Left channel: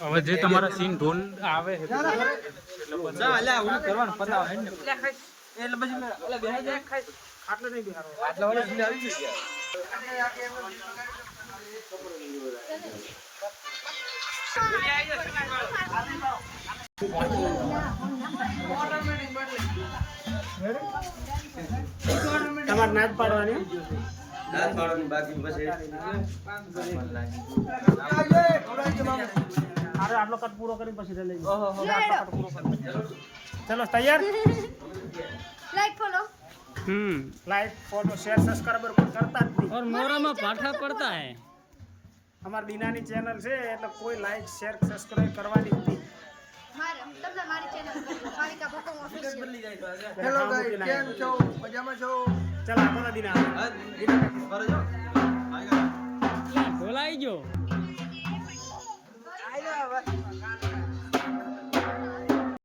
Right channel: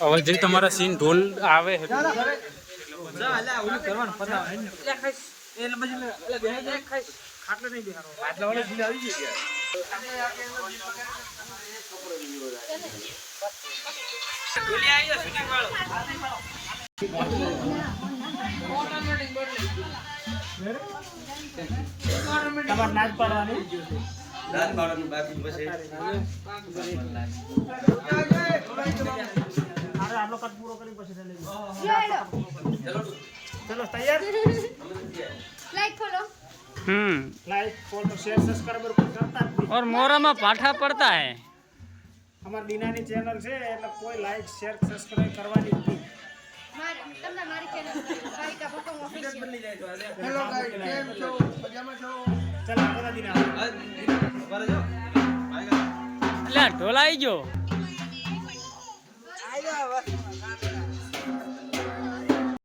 હવે જે તમારા સીન ઢોલ આવે તમારે નાચ પાડવાની આટલો કટ પૂરો કરીને પછી લઈ ચલો તૈયાર like follow like follow share subscriber करता और मोरा में पाठा पड़ता है हमारी दीनानी चैनल છે એટલે કોઈ લાઈક શેર સબસ્ક્રાઇબ કરવાની નથી मारे તમને મારી ચેનલ ભાવિકા ભકંગ ઓફિશિયલ હેલો ગાઈસ કેમ છો મજામાં છો ચાલ આગળ દીના એટલે ઢોલ આવી ગયો